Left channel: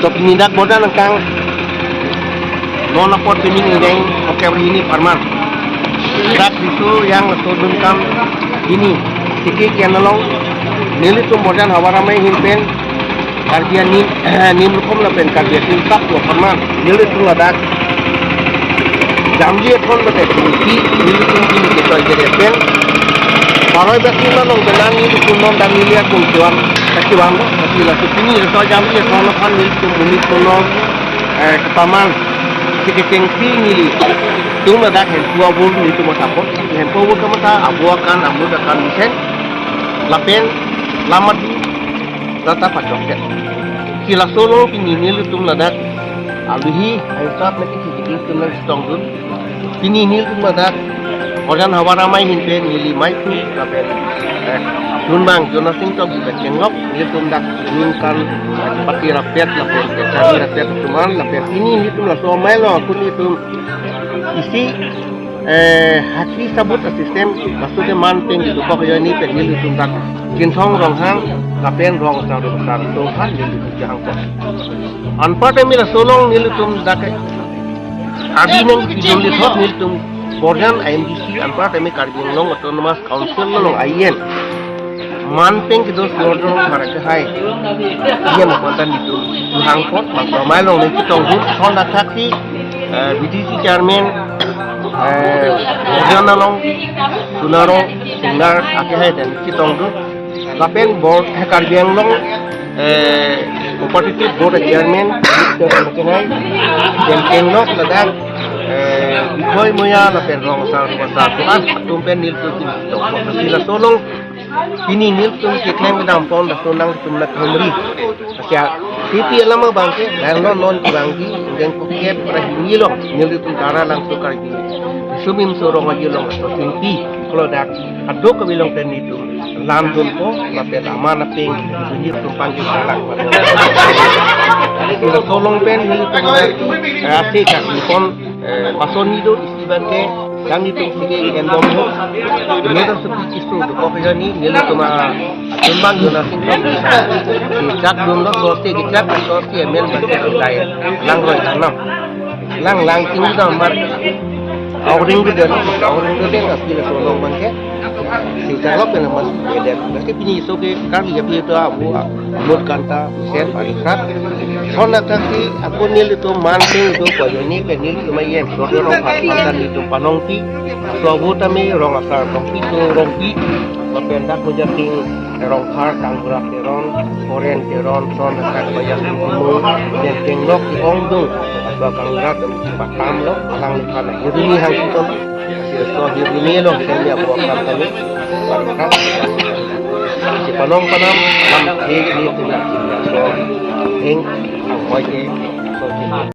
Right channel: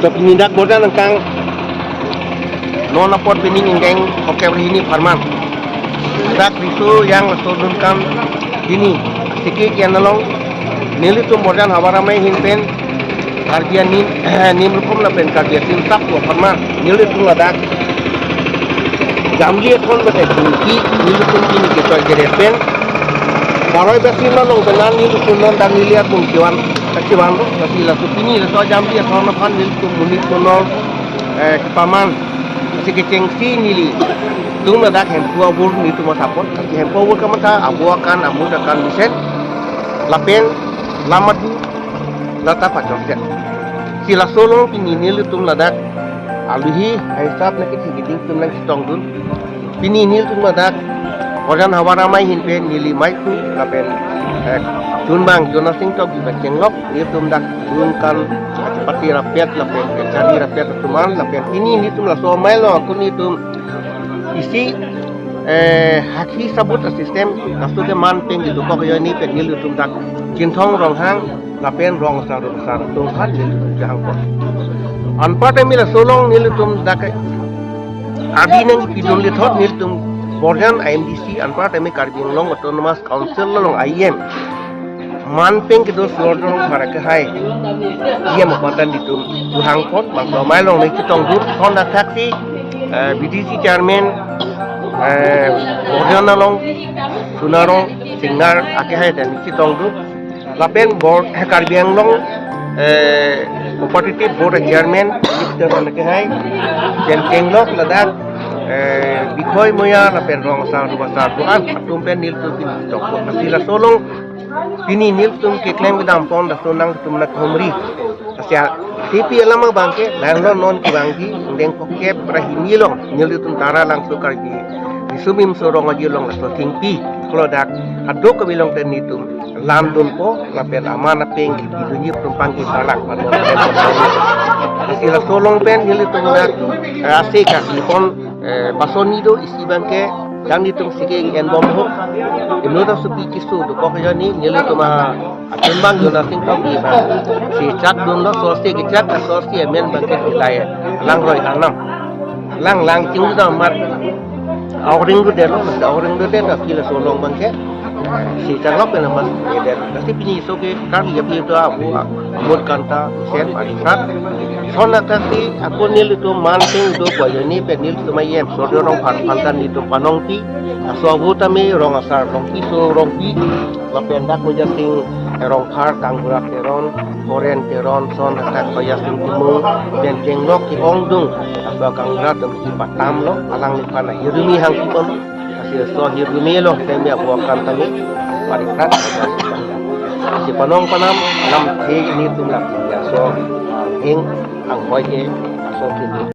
So penindak bodan tentang non lapor timing yang oke ini farman. Dak itu yang sodunkan ini sikit yang nolong nili tu bodan hawaramai himpen karbian nim rukom la pen karbian tim tap wa farman nili tu ladak jamgi ekon bete ki nili tu kini kita jere pen Paroi besi manong benan nili tu non dan nili akun kiwan kaki bangdo tapi la kini so jamgi ekon fan nili tu munit non ketaman sikit nili tung ladak hen tua bur nili tu matapot hen tua bur kamata abu akan desain lapen lamat lata pacoknya sila solo pini nili tum ladak aluhi aisap nanti sikit tunang stong dun pini nili tum ladak orang hawaramai hinten nili maiku lapen tunbang jona sing tok juga cengok nili tum dak dunkan pati rapiat lapen cari rapiat tuman lapen ini nili tum la so mailo aku ni tum isi haki sabut sistem kasu ke man peng di dukok yo ni pen nili tum dak kinsong rong hang lapen rong sa do besar to han nili tum jang ko anpa te mila solong nili tum dak abi nang kidum di thot nili tum Borjan IMDC anpa te mi karbin long autonomous council long IN man peng kido slodong marake hai iya mapatan itu duhang pot bang mai long ni kitong dur son dak taksi BDC chairman Borjan long sunaro singar ake hai dan kitong dur lapen board karbin long competitive board chairman Mr. ake hai dan penglok ladak Ikoy moya la perrong sa rumah tuan tumpen nil tu tok sila solong ini nil tu kiklem dampon da sonang tumna khomri asia tipi alama bangke narlo non bangki ngeng kokep prahini long nil tu tara lang su kar di sumim sorong aji long so tingpi kalau dak ado ko bilong ten itu lam dun ko la per amana peng dunia tumpang ki salak sila solong pen nil tu na asik ka ikon pason nido isi bangke yang itu segi endom ho nido supi kisu do ko ni nili tuma tumbang jona sing ko si cak dun do sorti gitlat sorti men bangke laya lang hoi tanam lang ting da mat awring do den asila solong bangke si caklok ben mas eden tapi pini soke kan ya pi to abu amud kanta sen parisat Sona kasi ako nil itu manting itu kaya ni penil itu mayem so rong pantan itu panongti so abu tami rong asar rongpi so rongpi lapendak menjating rong par tanggurak teron koren teron son akan kaya singkumu dan kenglok di ongdung so kanggurak dan si patam lo alang likana hirumi hang kita lo kasi so hirumi lo saya buatkan tami parisat si panong panam alam heg ni tu lah so heng ang hoje so